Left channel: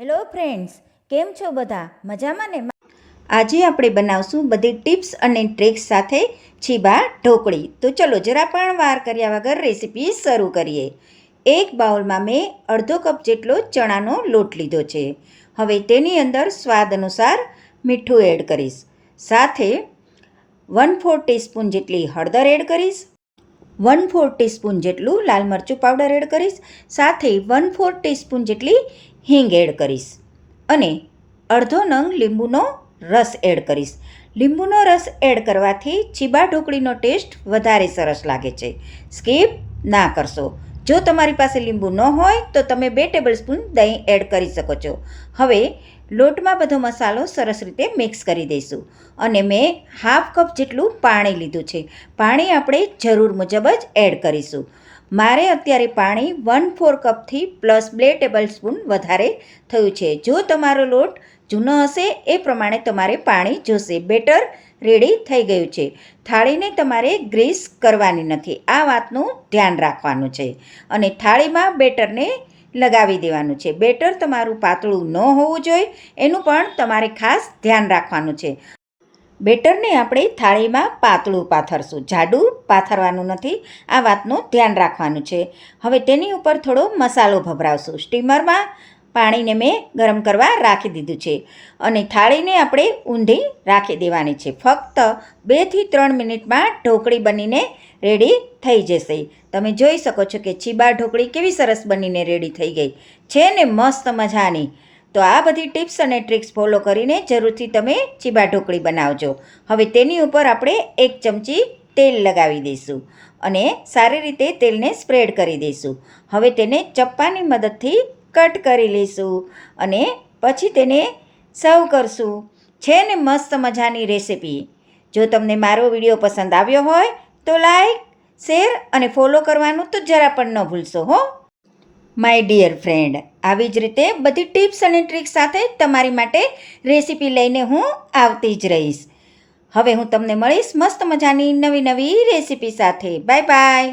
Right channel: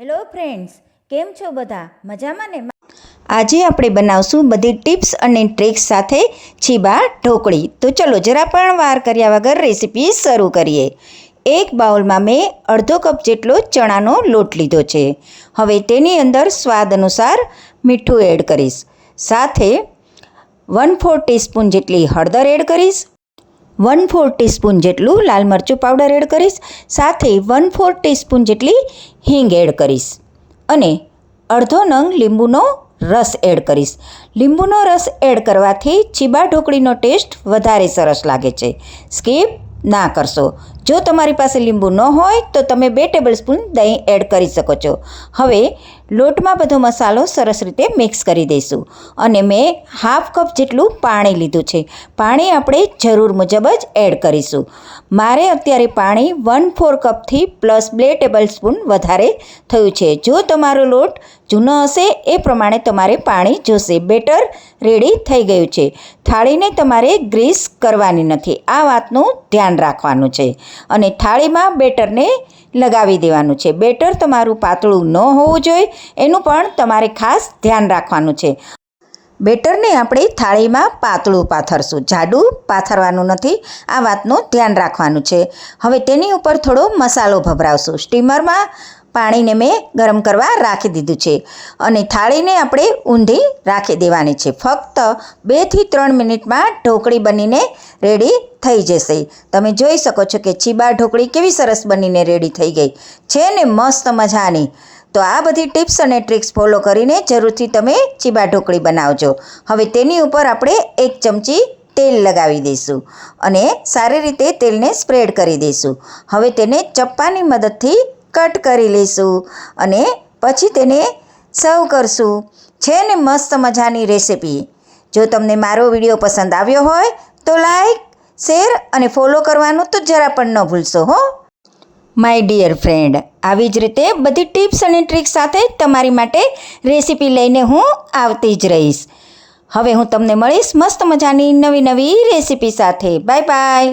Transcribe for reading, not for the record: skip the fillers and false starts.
Hello friends, કેમ છો બધા? મજામાં ને? આજે આપણે બનાવશું બધી ટિપ્સ અને ટ્રિક્સ સાથે છીબા ઢોકળી. તો ચલો જરા પણ વાર કર્યા વગર રેસીપી શરૂ કરીએ. એક બાઉલમાં મેં અડધો કપ જેટલો ચણાનો લોટ લીધો છે. હવે તેની અંદર સ્વાદ અનુસાર મીઠું એડ કરીશ. સાથે 1/4 ટીસ્પૂન જેટલી હળદર એડ કરીશ. 1/4 ટીસ્પૂન જેટલું લાલ મરચું પાવડર એડ કરીશ. સાથે 1/4 ટીસ્પૂન જેટલી હિંગ એડ કરીશ અને અડધો નંગ લીંબુનો રસ એડ કરીશ. લીંબુનો રસ એડ કરવાથી છીબા ઢોકળીનો ટેસ્ટ વધારે સરસ લાગે છે. સ્કીપ ના કરશો. જો તમારી પાસે લીંબુ ન હોય તો તમે 2 ટેબલસ્પૂન દહીં એડ કરી શકો છો. હવે લોટમાં બધો મસાલો સરસ રીતે મિક્સ કરી દઈશું અને મેં હાફ કપ જેટલું પાણી લીધું છે. પાણી આપણે જરૂર મુજબ જ એડ કરીશું. મારે અત્યારે પાણી 1/4 કપથી પ્લસ 2 ટેબલસ્પૂન વધારે થયું છે. જો તમારો લોટ જૂનો હશે એ પ્રમાણે તમારે પાણી જોશે. બેટર રેડી થઈ ગયું છે. થાળીને તમારે ગ્રીસ કરવાની નથી, આ વાતનું ધ્યાન રાખવાનું છે અને થાળીમાં બેટરને લગાવી દેવાનું છે. બેટર તમારું પાતળું ન હોવું જોઈએ એનું પણ તમારે ખાસ ધ્યાન રાખવાનું છે. બેટરને આપણે થાળીમાં પાતળું પાથરશું, જાડું પાથરવાનું નથી, આ વાતનું ધ્યાન રાખવાનું છે. હવે તેની ઉપર થોડો મસાલો ભભરાવશું. સ્ટીમરમાં પાણીને મેં ગરમ કરવા રાખી દીધું છે અને થાળીને આપણે ઊંધી રાખી દેવાની છે. ફક્ત 2 થી 3 મિનિટમાં ઢોકળી બનીને રેડી થઈ જશે. તમે જોઈ શકો છો કે છીબા ઢોકળી કેવી સરસ બનીને રેડી થઈ ગઈ છે ને, મસ્ત મજાની. તો આ બધી ટિપ્સ અને ટ્રિક્સ ફોલો કરીને જરૂરથી તમે છીબા ઢોકળી બનાવજો. હવે તેની ઉપર આપણે 1 ચમચી તેલ લગાવી દઈશું અને સારી રીતે તેલને સ્પ્રેડ કરી દઈશું. હવે તેને ચપ્પાની મદદથી કટ કરી લઈશું અને પછી તેને સર્વ કરશું. છે ને મસ્ત મજાની રેસીપી. જો તમને મારો વિડીયો પસંદ આવ્યો હોય તો લાઈક, શેર અને ફોલો કરવાનું તો જરા પણ ન ભૂલશો હો. માય ડિયર ફ્રેન્ડ, આવી જ રીતે બધી ટિપ્સ અને ટ્રિક્સ સાથે તમારી માટે રેસીપી લઈને હું આવતી જ રહીશ. હવે હું તમને મળીશ મસ્ત મજાની નવી રેસીપી સાથે. Bye bye.